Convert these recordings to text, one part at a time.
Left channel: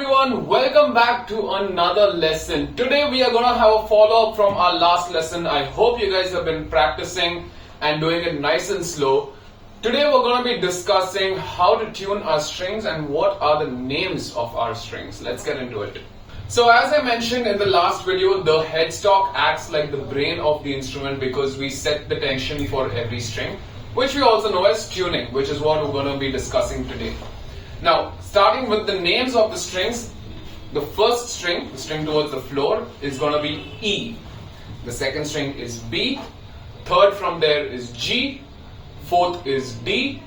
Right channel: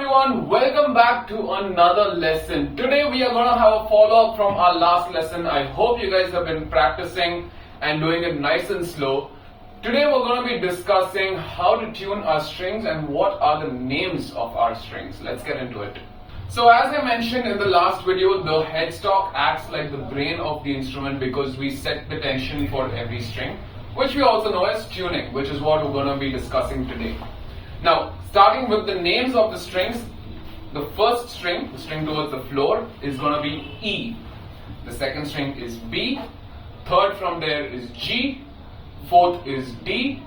everyone, welcome back to another lesson. Today we are going to have a follow-up from our last lesson. I hope you guys have been practicing and doing it nice and slow. Today we're going to be discussing how to tune our strings and what are the names of our strings. Let's get into it. So as I mentioned in the last video, the headstock acts like the brain of the instrument because we set the tension for every string, which we also know as tuning, which is what we're going to be discussing today. Now, starting with the names of the strings, the first string, the string towards the floor, is going to be E. The second string is B. Third from there is G. Fourth is D.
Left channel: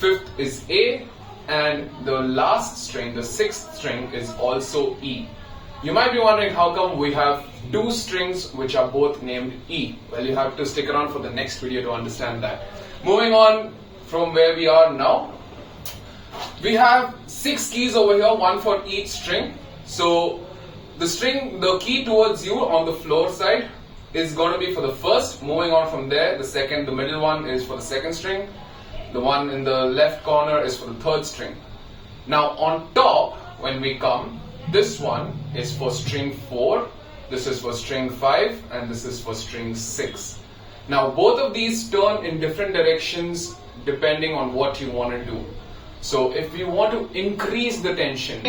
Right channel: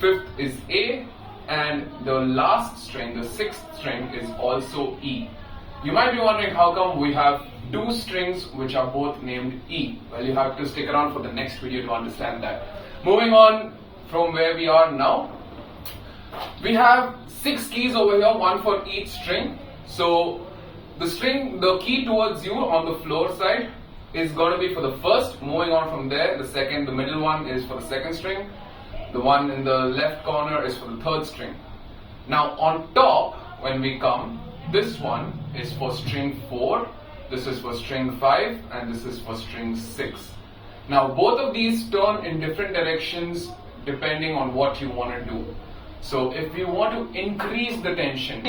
Fifth is A. And the last string, the sixth string, is also E. You might be wondering how come we have two strings which are both named E. Well, you have to stick around for the next video to understand that. Moving on from where we are now, we have 6 keys over here, one for each string. So the key towards you on the floor side is going to be for the first. Moving on from there, the second, the middle one is for the second string. The one in the left corner is for the third string. Now on top, when we come, this one is for string 4, this is for string 5, and this is for string 6. Now both of these turn in different directions depending on what you want to do. So if we want to increase the tension,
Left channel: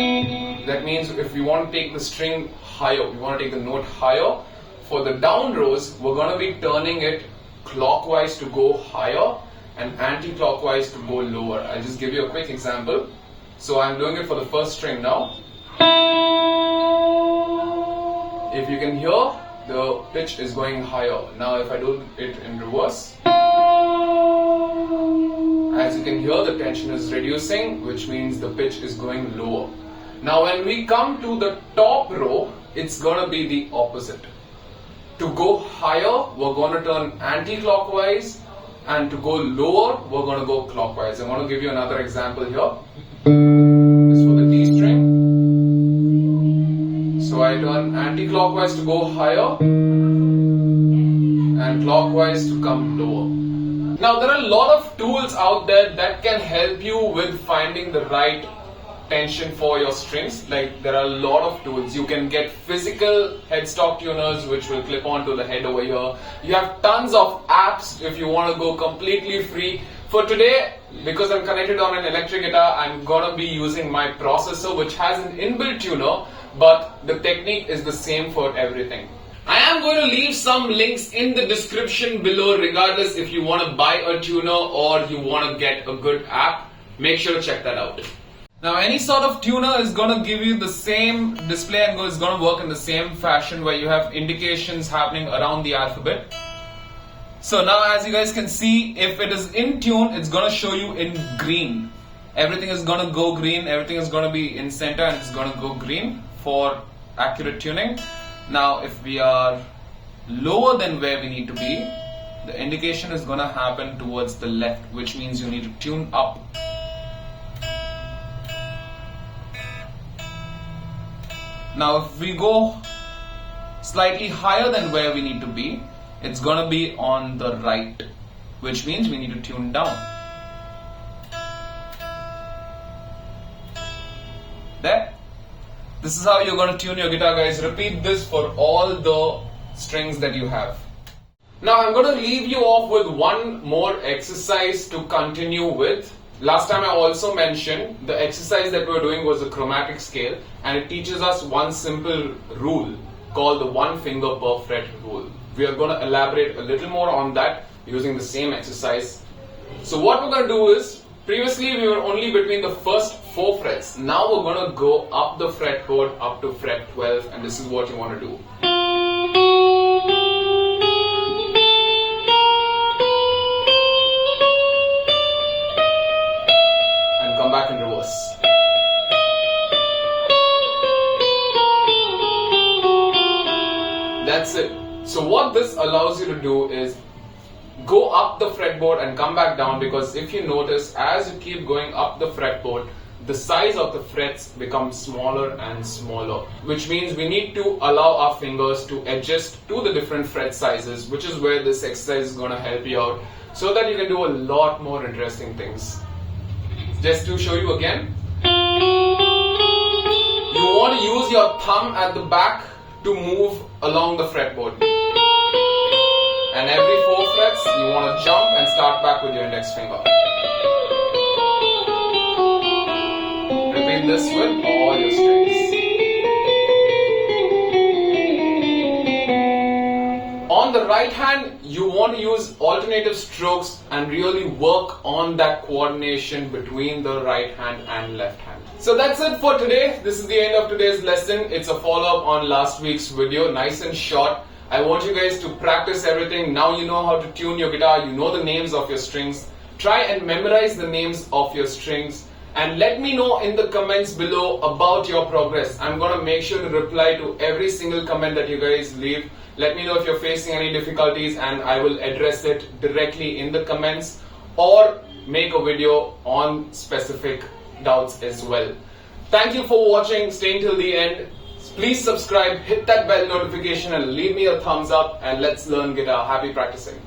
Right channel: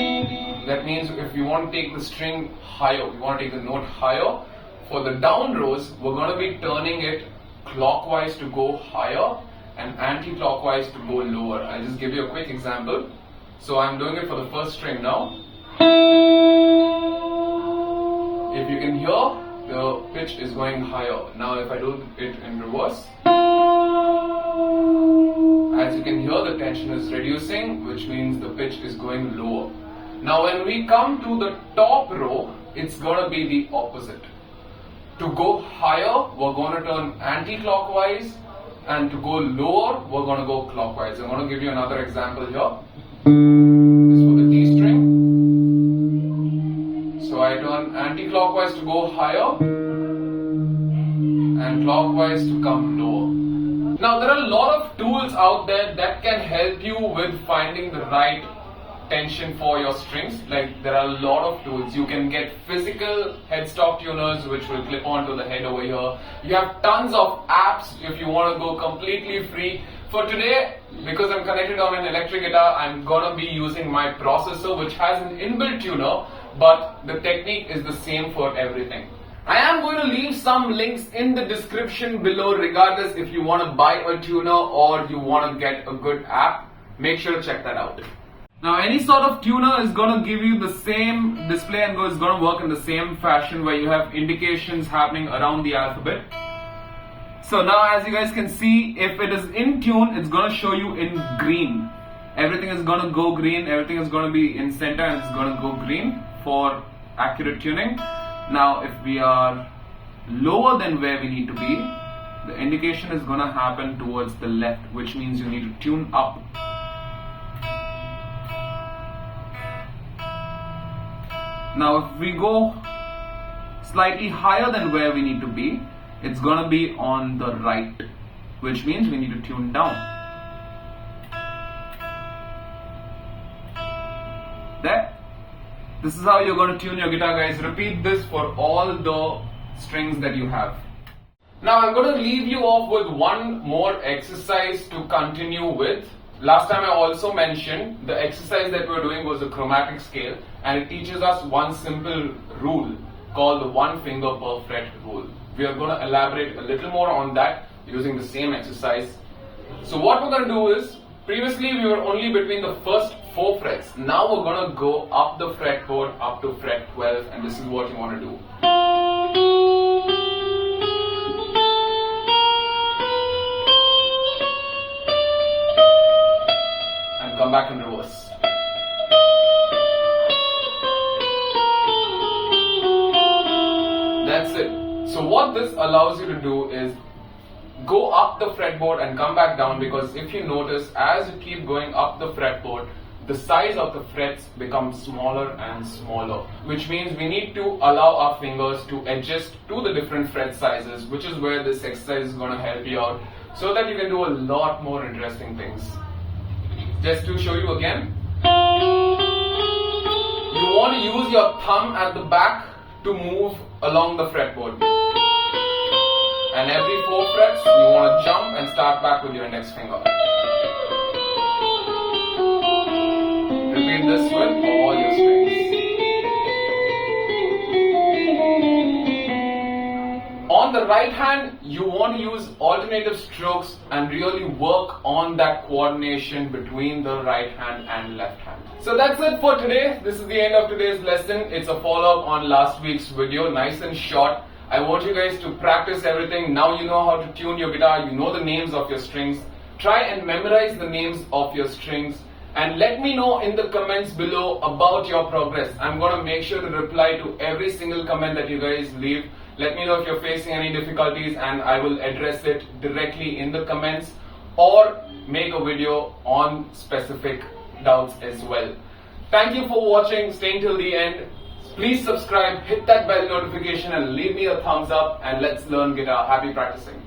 that means if we want to take the string higher, we want to take the note higher, for the down rows, we're going to be turning it clockwise to go higher and anti-clockwise to go lower. I'll just give you a quick example. So I'm doing it for the first string now. If you can hear, the pitch is going higher. Now if I do it in reverse, as you can hear, the tension is reducing, which means the pitch is going lower. Now when we come to the top row, it's going to be the opposite. To go higher, we're going to turn anti-clockwise, and to go lower, we're going to go clockwise. I'm going to give you another example here. This is for the D string. So I turn anti-clockwise to go higher, and clockwise to come lower. Now there are a lot of tools out there that can help you with finding the right tension for your strings. Like there are a lot of tools. You can get physical headstock tuners which will clip onto the head over here. You have tons of apps if you want to go completely free. For today, because I'm connected on an electric guitar, I'm gonna be using my processor which has an inbuilt tuner, but the technique is the same for everything. I am going to leave some links in the description below regardless if you want to buy a tuner or you want to get a good app. Make sure to check that out. Now any sort of tuner is going to give you the same display and is going to work in the same fashion where you have indications happening around the alphabet. So now as you guys can see, if it is in tune, it's going to show you in green. Everything is going to go green, everything is going to be in center and it's going to go green for accurate tuning. Now if we are lower than where we need to be, the indication is going to happen towards the left, which means you need to tune up. Now if we go slightly higher than where we need to be, it's going to be on the right, which means we need to tune down. There. This is how you're going to tune your guitar, guys. Repeat this for all the strings that you have. Now I'm going to leave you off with one more exercise to continue with. Last time I also mentioned the exercise that we were doing was the chromatic scale, and it teaches us one simple rule called the 1 finger per fret rule. We are going to elaborate a little more on that using the same exercise. So what we're going to do is, previously we were only between the first 4 frets. Now we're going to go up the fretboard up to fret 12, and this is what you want to do. And come back in reverse. That's it. So what this allows you to do is go up the fretboard and come back down, because if you notice, as you keep going up the fretboard, the size of the frets becomes smaller and smaller, which means we need to allow our fingers to adjust to the different fret sizes, which is where this exercise is going to help you out so that you can do a lot more interesting things. Just to show you again, want to use your thumb at the back to move along the fretboard. And every 4 frets, you want to jump and start back with your index finger. Repeat this with all your strings. On the right hand, you want to use alternative strokes and really work on that coordination between the right hand and left hand. So that's it for today. This is the end of today's lesson. It's a follow-up on last week's video, nice and short. I want you guys to practice everything. Now you know how to tune your guitar, you know the names of your strings. Try and memorize the names of your strings. And let me know in the comments below about your progress. I'm going to make sure to reply to every single comment that you guys leave. Let me know if you're facing any difficulties and I will address it directly in the comments or make a video on specific doubts as well. Thank you for watching, staying till the end. Please subscribe, hit that bell notification and leave me a thumbs up and let's learn guitar. Happy practicing.